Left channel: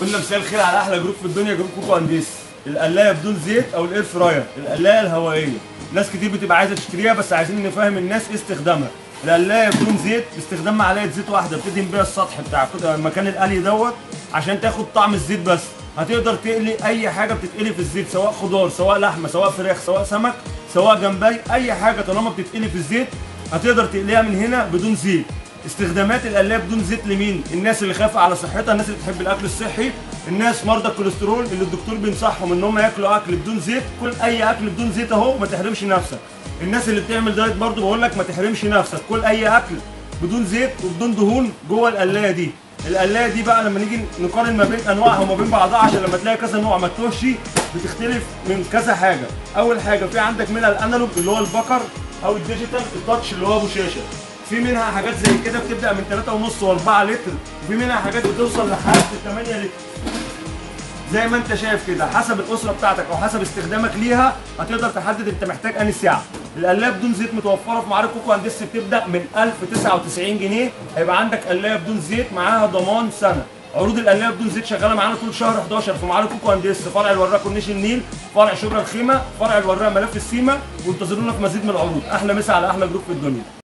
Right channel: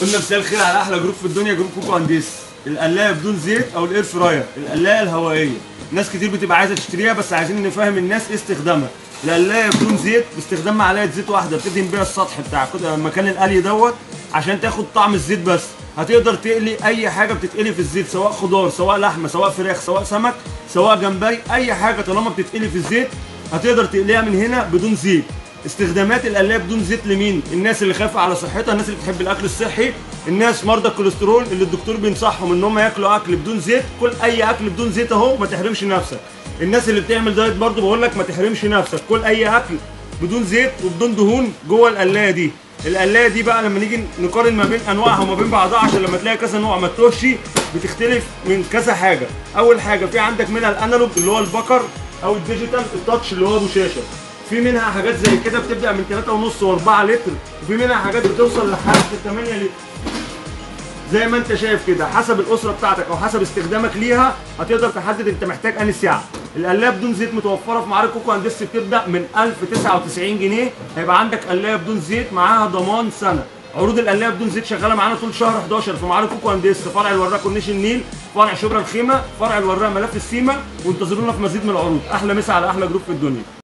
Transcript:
قلنا مساء الخير على احلى جروب في الدنيا، جروب كوكو انديس. القلايه بدون زيت او الاير فراير، القلايه الهوائيه. ناس كتير بتبقى عايزه تشتريها، بس عايزين نفهم الناس ايه استخدامها. القلايه بدون زيت باستخدام معلقه زيت واحده بتدهن بيها السطح بتاع مكان القلي دوت عشان تاخد طعم الزيت بس. هتقدر تقلي اي حاجه بتتقلي في الزيت، سواء خضار سواء لحمه سواء فراخ سواء سمك سواء جمبري، اي حاجه طالما بتتقلي في الزيت هتقدر تقليها من هنا بدون زيت. استخدامات القلايه بدون زيت لمين؟ الناس اللي خايفه على صحتها، الناس اللي بتحب الاكل الصحي، الناس مرضى الكوليسترول اللي الدكتور بينصحهم ان هم ياكلوا اكل بدون زيت. كل اي اكل بدون زيت اهو، ما تحرمش نفسك. الناس اللي بتعمل دايت برضه بقول لك ما تحرمش نفسك، كل اي اكل بدون زيت وبدون دهون جوه القلايه دي. القلايه دي بقى لما نيجي نقارن ما بين انواعها وما بين بعضها، عشان لما تلاقي كذا نوع ما تتوهش، بتختلف من كذا حاجه. اول حاجه في عندك منها الانالوج اللي هو البكر، او الديجيتال التاتش اللي هو ابو شاشه. في منها حاجات زي كده بتبدا من 3.5 و4 لتر، وفي منها حاجات بتوصل لحد 8 لتر. زي ما انت شايف كده، حسب الاسره بتاعتك او حسب استخدامك ليها هتقدر تحدد انت محتاج انهي سعه. القلايه بدون زيت متوفره في معارض كوكو انديس، بتبدا من 1099 جنيه. هيبقى عندك قلايه بدون زيت معاها ضمان سنه. عروض القلايه بدون زيت شغاله معانا طول شهر 11 في معارض كوكو انديس، فرع الوراق كورنيش النيل، فرع شبرا الخيمه، فرع الوراق ملف السيما. وانتظرونا في مزيد من العروض. احلى مسا على احلى جروب في الدنيا.